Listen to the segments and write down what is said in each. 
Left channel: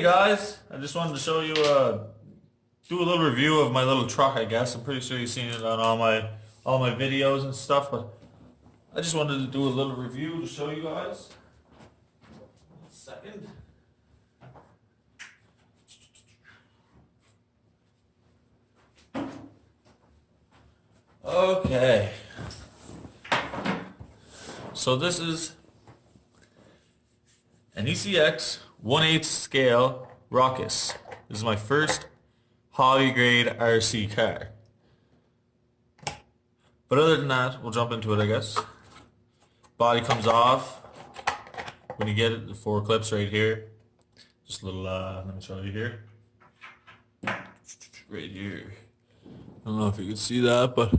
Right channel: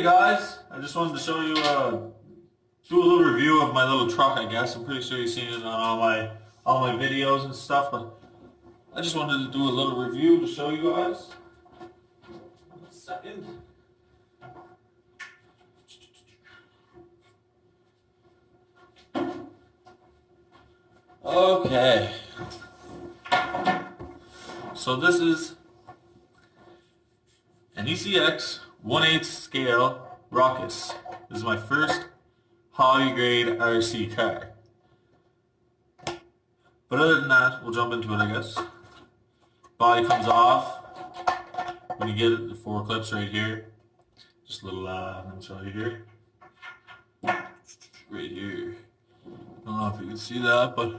Hey guys, I just wanted to show you, do a little review of my little truck. I guess I'm pretty sure you've seen it on all my videos and stuff, but I just wanted to do a little review to show you guys. One second. Okay. So this is an ECX 1/8 scale ruckus. This is my first hobby grade RC car. But other than that, we'll jump into it, I guess. Body comes off when you get it. The 4 clips right here. Just a little, let me show you here. Right here. I don't know if you can see that, but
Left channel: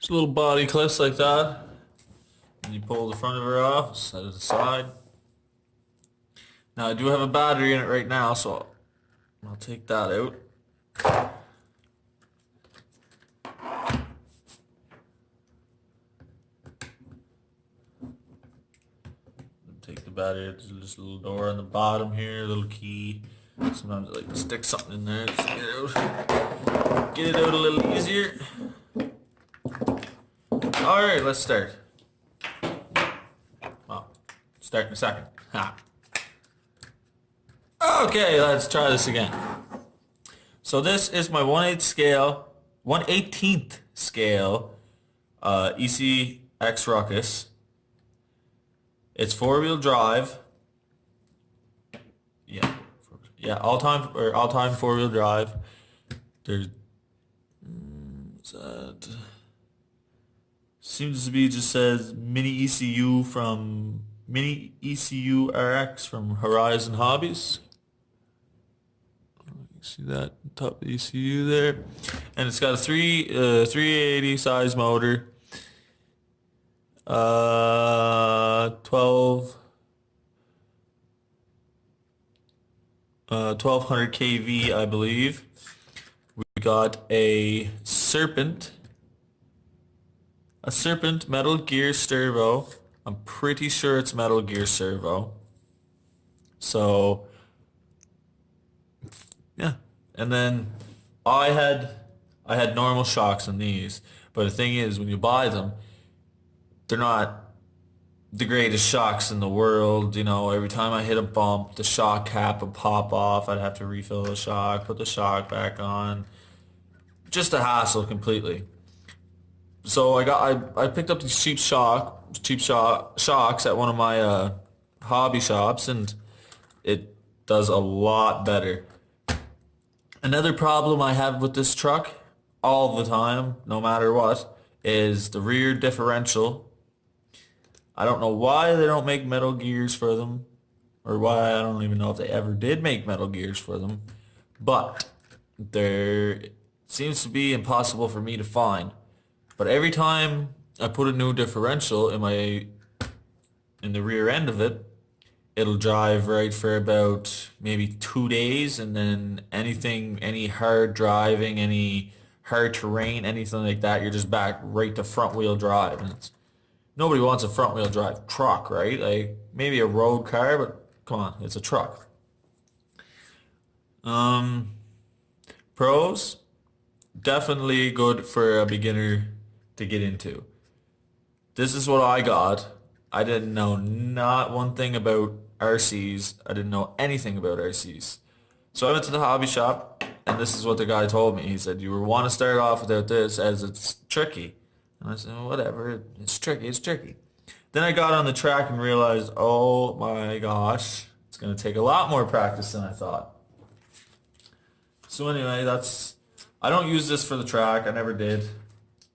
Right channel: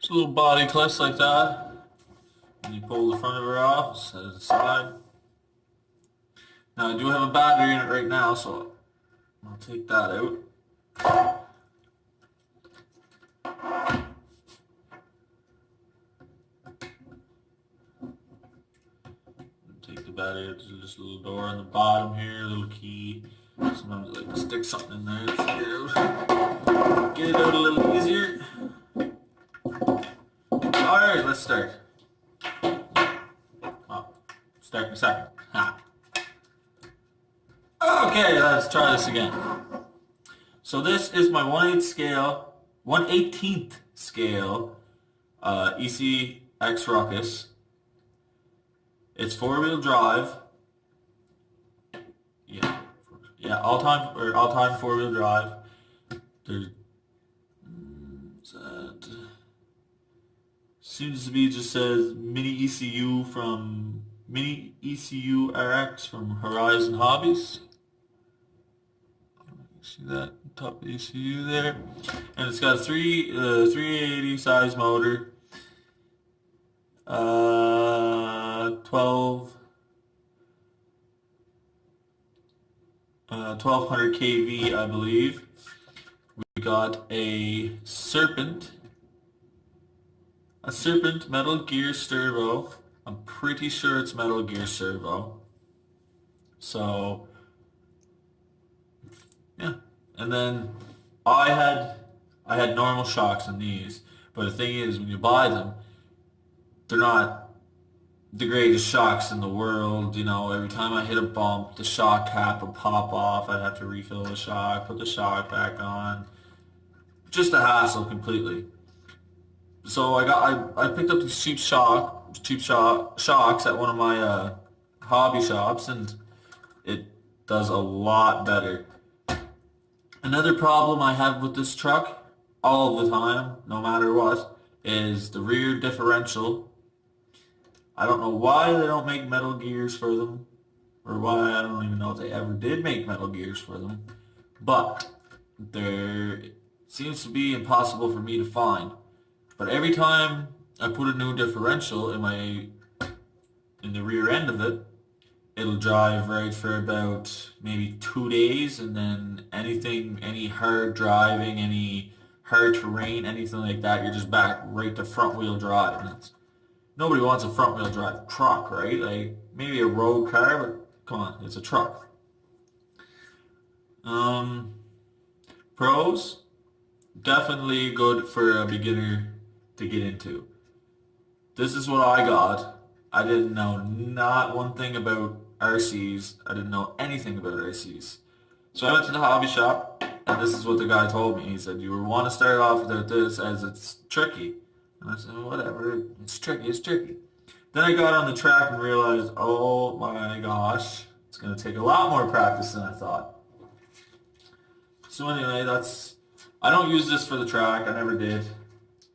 just little body clips like that. And you pull the front of her off, set it aside. Now I do have a battery in it right now, so I'll take that out. Take the battery out. There's just a little door on the bottom here, a little key. Sometimes I like to stick something in there to get it out. Get it out a little easier. Alright, let's start. Oh, start in a second. Ha. Okay, let's try this again. So this is my 1/8 scale, 1/18th scale ECX ruckus. It's 4-wheel drive. Yeah, all time 4-wheel drive. There's seems to be just says mini ECU RX from Horizon Hobbies. See that top of the ECU there, and it's got a 380 size motor, 1200 kV, I believe. We got a Serpent Metal Gear servo. I'm pretty sure it's Metal Gear servo. So yeah, and then I had normal shocks on these, but the thing is, when you buy them, they're not the greatest shocks in the world. You know, every time I hit a bump, the shock cap would pop off. I'd have to refill the shock, put the shock back on. Just a hassle completely. So I picked up these cheap shocks at one of my hobby shops, and it does a lot better. Another problem I have with this truck all the time, no matter what, is the rear differential. I don't know why they don't make metal gears for them, or why, I don't even know if they ever did make metal gears for them, but there seems to be impossible for me to find. But every time I put a new differential in the rear end of it, it'll drive right for about maybe 2 days, and then any hard driving, any hard terrain, anything like that, you're just back right to front wheel drive. And nobody wants a front wheel drive truck, right? Like maybe a road car, but come on, it's a truck. Pros, definitely good for a beginner to get into. This is what I got. I didn't know not one thing about RCs. I didn't know anything about RCs. So I went to the hobby shop, and this is what the guy told me. He said, you want to start off without this, as it's tricky. And I said, whatever, it's tricky. Then I got on the track and realized, oh my gosh, it's going to take a lot more practice than I thought. So anyway, I don't use this for the track. I never did.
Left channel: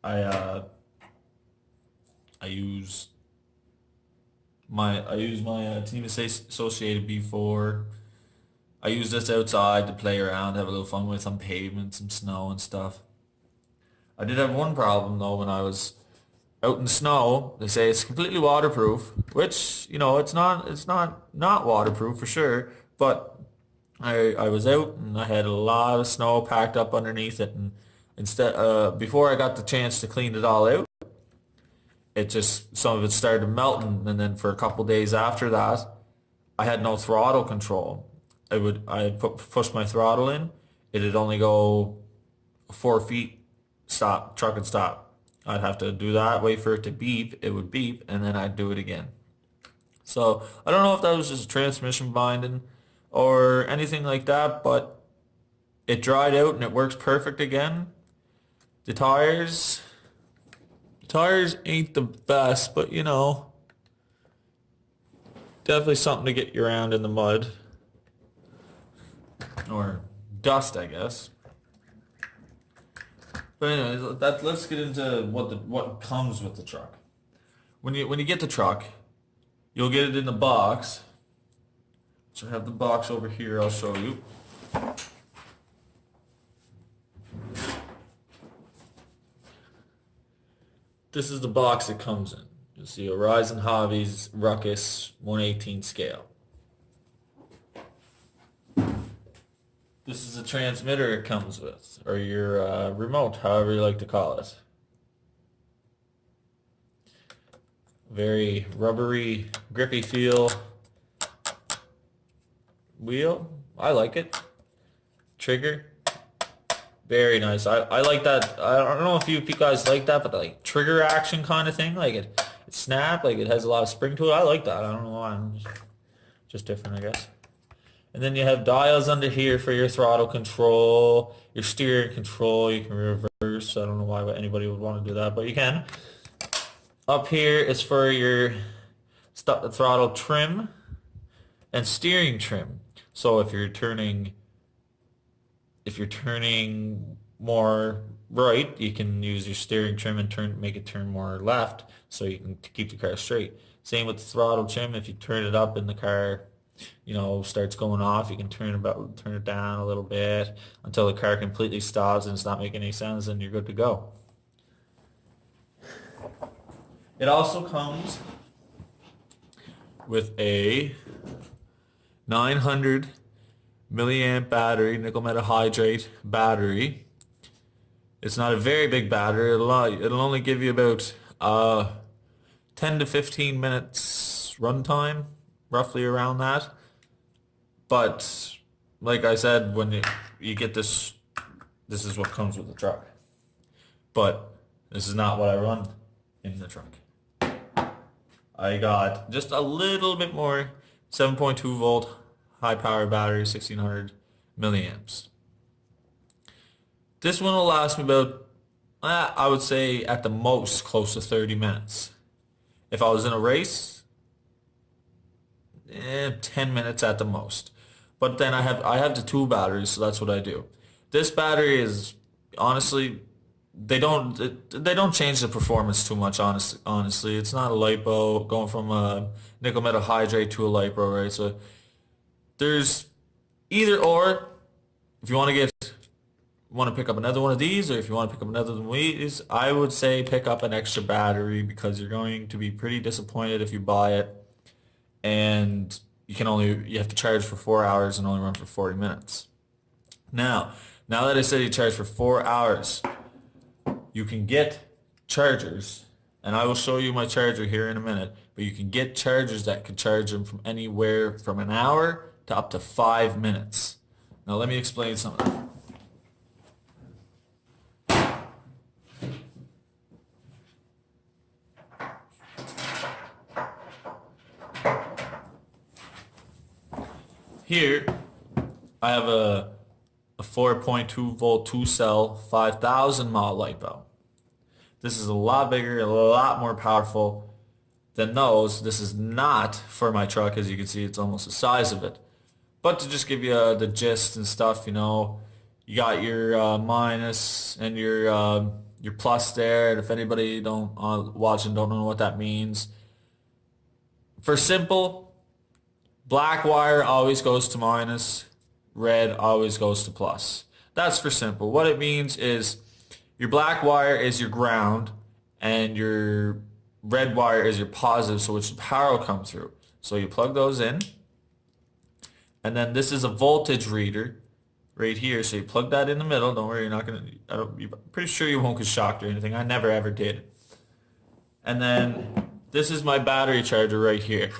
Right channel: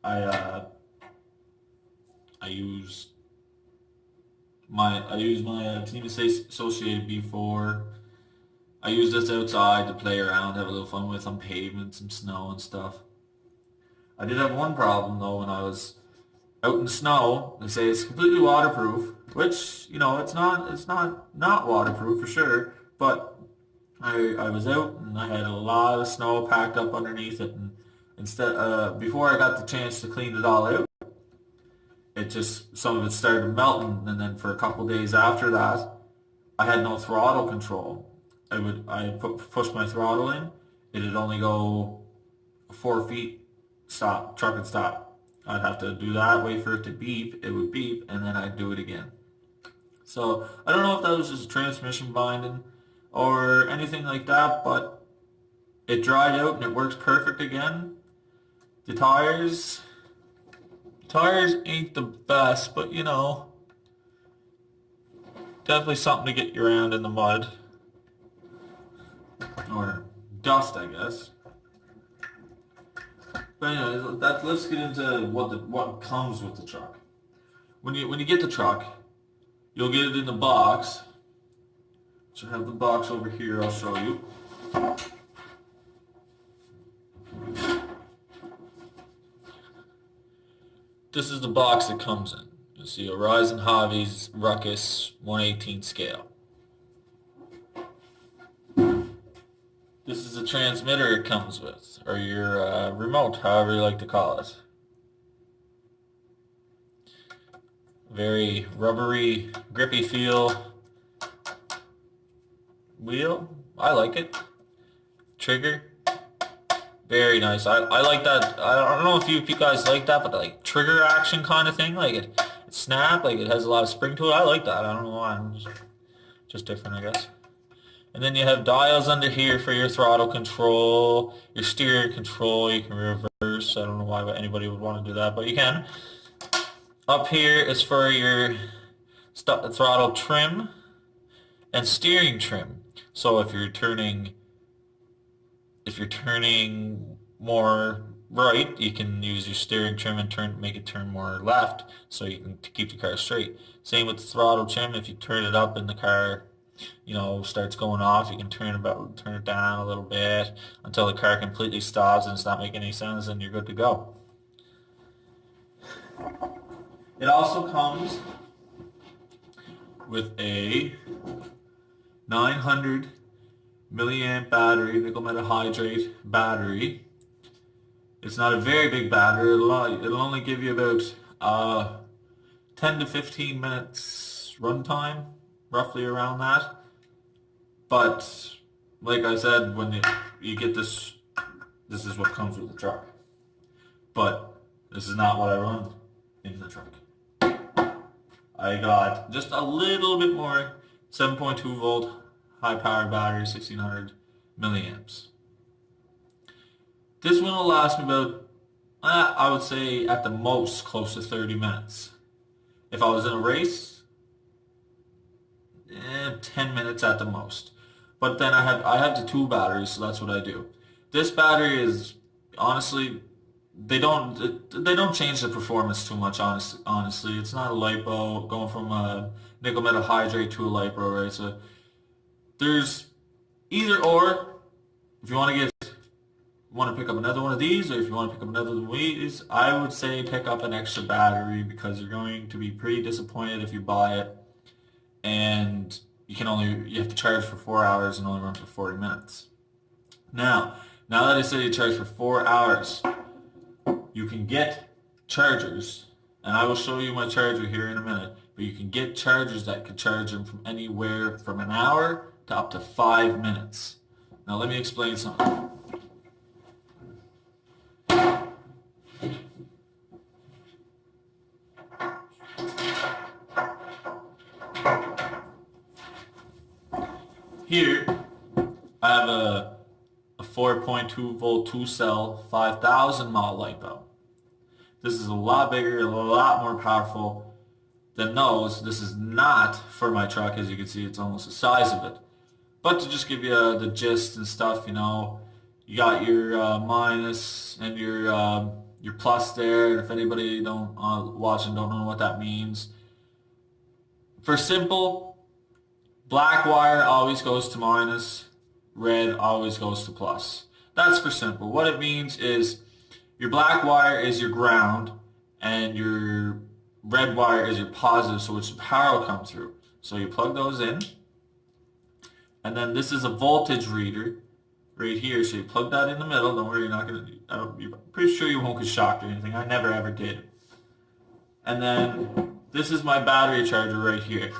I use my Team Associated B4. I use this outside to play around, have a little fun with on pavements and snow and stuff. I did have one problem though when I was out in the snow. They say it's completely waterproof, which, you know, it's not waterproof for sure, but I was out and I had a lot of snow packed up underneath it, and before I got the chance to clean it all out, some of it started melting, and then for a couple days after that, I had no throttle control. push my throttle in, it'd only go 4 feet, stop, truck would stop. I'd have to do that, wait for it to beep, it would beep, and then I'd do it again. So I don't know if that was just transmission binding or anything like that, but it dried out and it works perfect again. The tires ain't the best, but you know, definitely something to get you around in the mud. Or dust, I guess. But anyway, let's get into what comes with the truck. When you get the truck, you'll get it in the box. So I have the box over here, I'll show you. This is the box it comes in. You'll see a Horizon Hobbies Ruckus 1/18 scale. This is the transmitter it comes with, or your remote, however you like to call it. Very rubbery, grippy feel. Wheel, I like it. Trigger, very nice. I like that. I don't know if you guys like that, but like trigger action kind of thing, like it snap, like it has a lot of spring to it. I like that. I don't know why. I'm just different, I guess. And then you have dials under here for your throttle control, your steering control. You can reverse. I don't know why anybody would want to do that, but you can. Up here is for your throttle trim and steering trim. So if you're turning more right, you can use your steering trim and make it turn more left, so you can keep the car straight. Same with the throttle trim. If you turn it up and the car, you know, starts going off, you can turn it down a little bit until the car completely stops and it's not making any sounds, and you're good to go. It also comes with a 900 milliamp battery, nickel metal hydrate battery. It's not a very big battery. It'll only give you about 10 to 15 minutes runtime, roughly around that. But like I said, when you get this is what comes with the truck. But this is not what I run in the truck. I got just a little bit more 7.2 volt high power battery, 1600 milliamps. This one will last me about, I would say at the most, close to 30 minutes. If I was in a race, 10 minutes at the most. But then I have the two batteries, so that's what I do. This battery is, honestly, they don't change the performance too much, honestly. It's not a LiPo, going from a nickel metal hydrate to a LiPo, right? So there's either or. If you want to pick up another one of these, or if you want to pick up another one of these, I would say pick up an extra battery, because you're going to be pretty disappointed if you buy it and you have to charge for 4 hours and only run for 40 minutes. Now that I said you charge for 4 hours, you can get chargers, and I will show you my charger here in a minute, but you can get chargers that can charge them from anywhere from an hour to up to 5 minutes. Now let me explain something. Here, I have a 4.2 volt 2 cell 5000 mAh LiPo. This is a lot bigger, a lot more powerful than those. This is not for my truck. As you can see, it's almost the size of it. But to just give you the gist and stuff, you know, you got your minus and your plus there. And if anybody watching don't know what that means, for simple, black wire always goes to minus, red always goes to plus. That's for simple. What it means is your black wire is your ground and your red wire is your positive, so which the power will come through. So you plug those in, and then this is a voltage reader right here. So you plug that in the middle. Don't worry, you're pretty sure you won't get shocked or anything. I never ever did. And then this is my battery charger right here.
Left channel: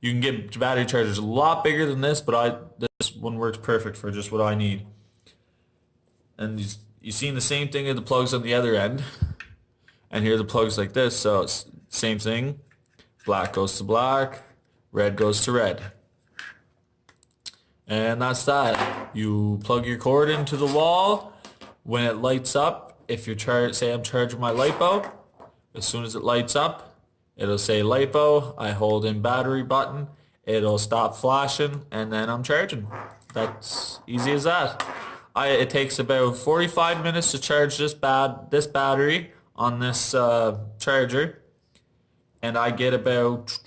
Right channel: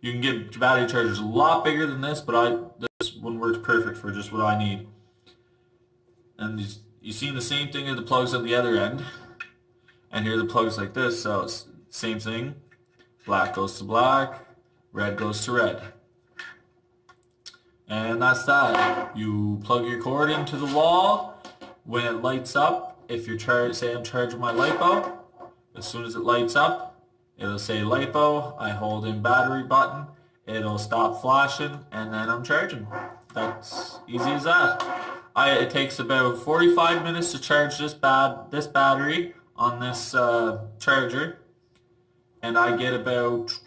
You can get battery chargers a lot bigger than this, but this one works perfect for just what I need. And you've seen the same thing in the plugs on the other end. And here are the plugs like this, so it's same thing. Black goes to black, red goes to red. And that's that. You plug your cord into the wall. When it lights up, if you're say I'm charging my LiPo, as soon as it lights up, it'll say LiPo. I hold in battery button. It'll stop flashing, and then I'm charging. That's easy as that. It takes about 45 minutes to charge this battery on this charger, and I get about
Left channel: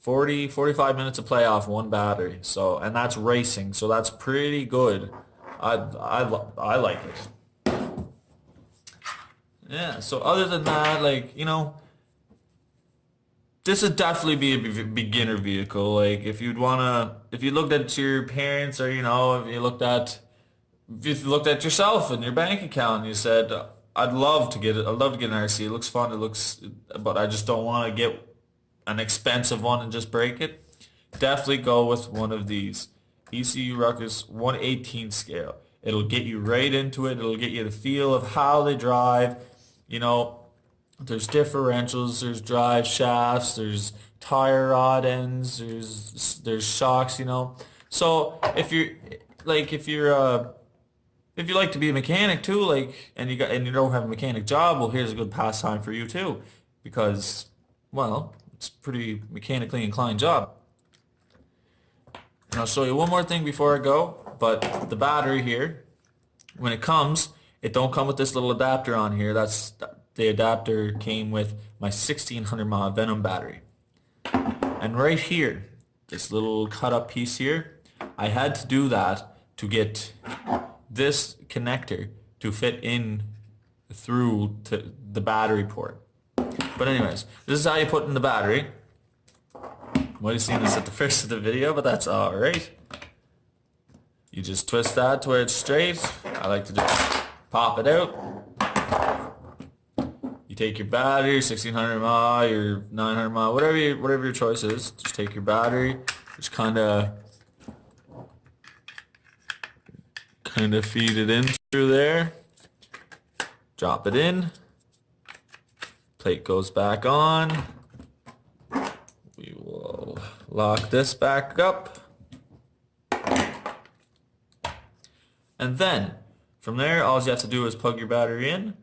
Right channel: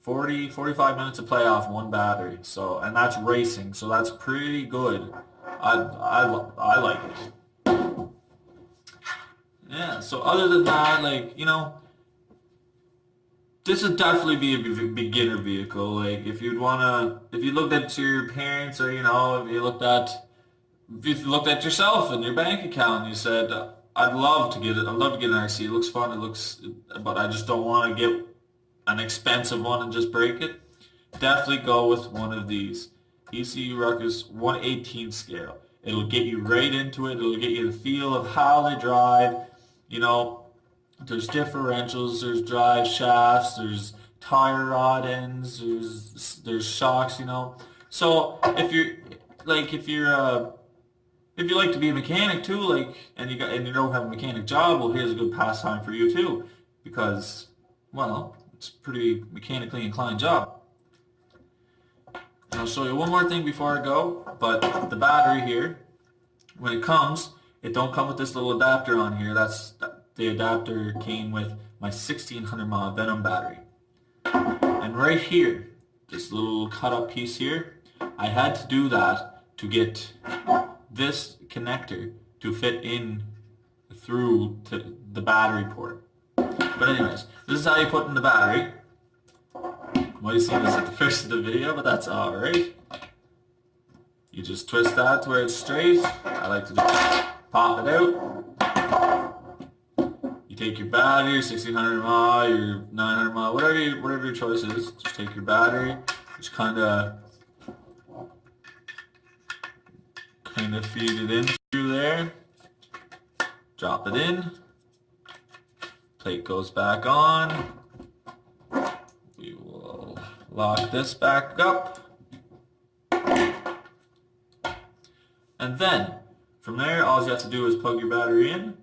45 minutes of play off one battery. So, and that's racing, so that's pretty good. I like it. Yeah, so other than that, like, you know, this would definitely be a beginner vehicle. Like, if you looked at your parents, or, you know, if you looked at yourself and your bank account and you said, I'd love to get an RC. It looks fun, but I just don't want to get an expensive one and just break it. Definitely go with one of these. ECU Ruckus 1/18 scale. It'll get you right into it. It'll get you the feel of how they drive. You know, there's differentials, there's drive shafts, there's tire rod ends, there's shocks, you know. So if you like to be a mechanic too, like, and you don't have a mechanic job, well, here's a good pastime for you too, because, well, it's a pretty mechanically inclined job. And I'll show you one more thing before I go, but the battery here, when it comes, it don't come with this little adapter on here. The adapter came with my 1600 mAh Venom battery. And right here, this little cut up piece here, I had to do that to get this connector to fit in through to the battery port. But anyways, this is how you put in the battery. You might have seen this at the first of the video, but that's alright. You just twist that to where it's straight. I like to just pop it out. You take your battery, your 1600 mAh, your 900 mAh, whatever your choice is. Just take your battery, just kind of feed it in through there. Drop it in. Plate goes back on. We will lock this back up. And then, from there, all you have to do is plug your battery in.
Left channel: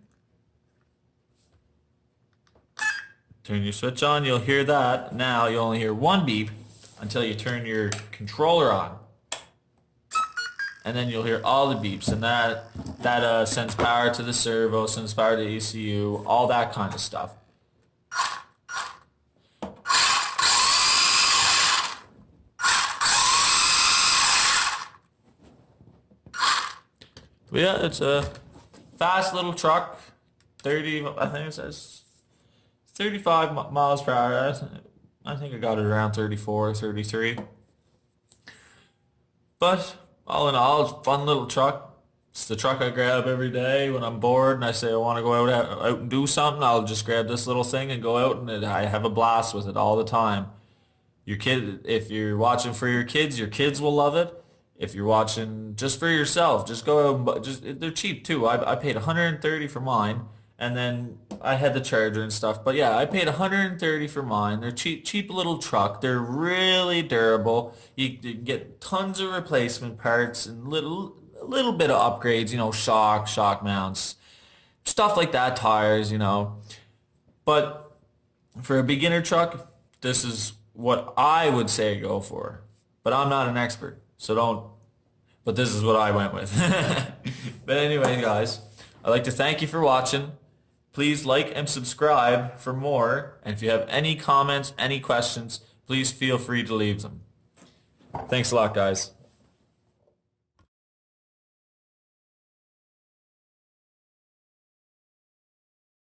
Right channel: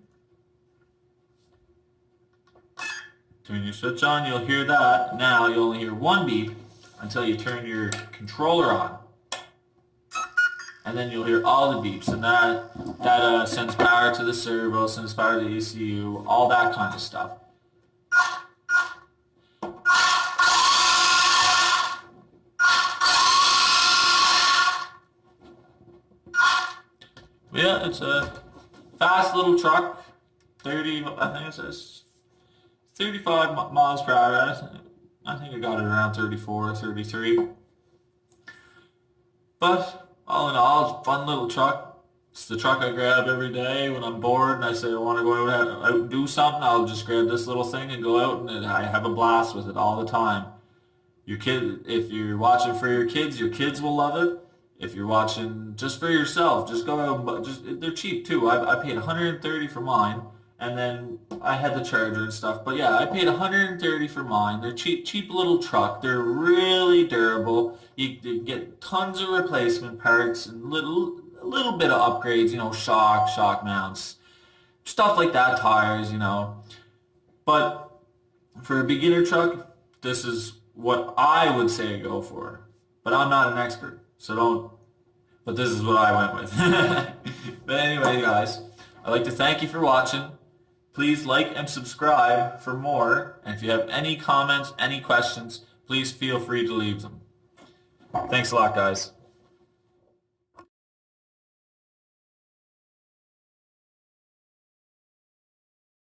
Turn your switch on, you'll hear that. Now, you'll only hear one beep until you turn your controller on. And then you'll hear all the beeps, and that sends power to the servo, sends power to the ECU, all that kind of stuff. But yeah, it's a fast little truck. I think it says 35 miles per hour. I think I got it around 34, 33. But all in all, it's a fun little truck. It's the truck I grab every day when I'm bored and I say I want to go out and do something. I'll just grab this little thing and go out, and I have a blast with it all the time. If you're watching for your kids will love it. If you're watching just for yourself, just go out and they're cheap too. I paid $130 for mine, and then I had the charger and stuff. But yeah, I paid $130 for mine. They're cheap little truck. They're really durable. You get tons of replacement parts and a little bit of upgrades, you know, shock mounts, stuff like that, tires, you know. But for a beginner truck, this is what I would say go for. But I'm not an expert. So don't, but this is what I went with. But anyway, guys, I'd like to thank you for watching. Please like and subscribe for more. And if you have any comments, any questions, please feel free to leave them. Thanks a lot, guys.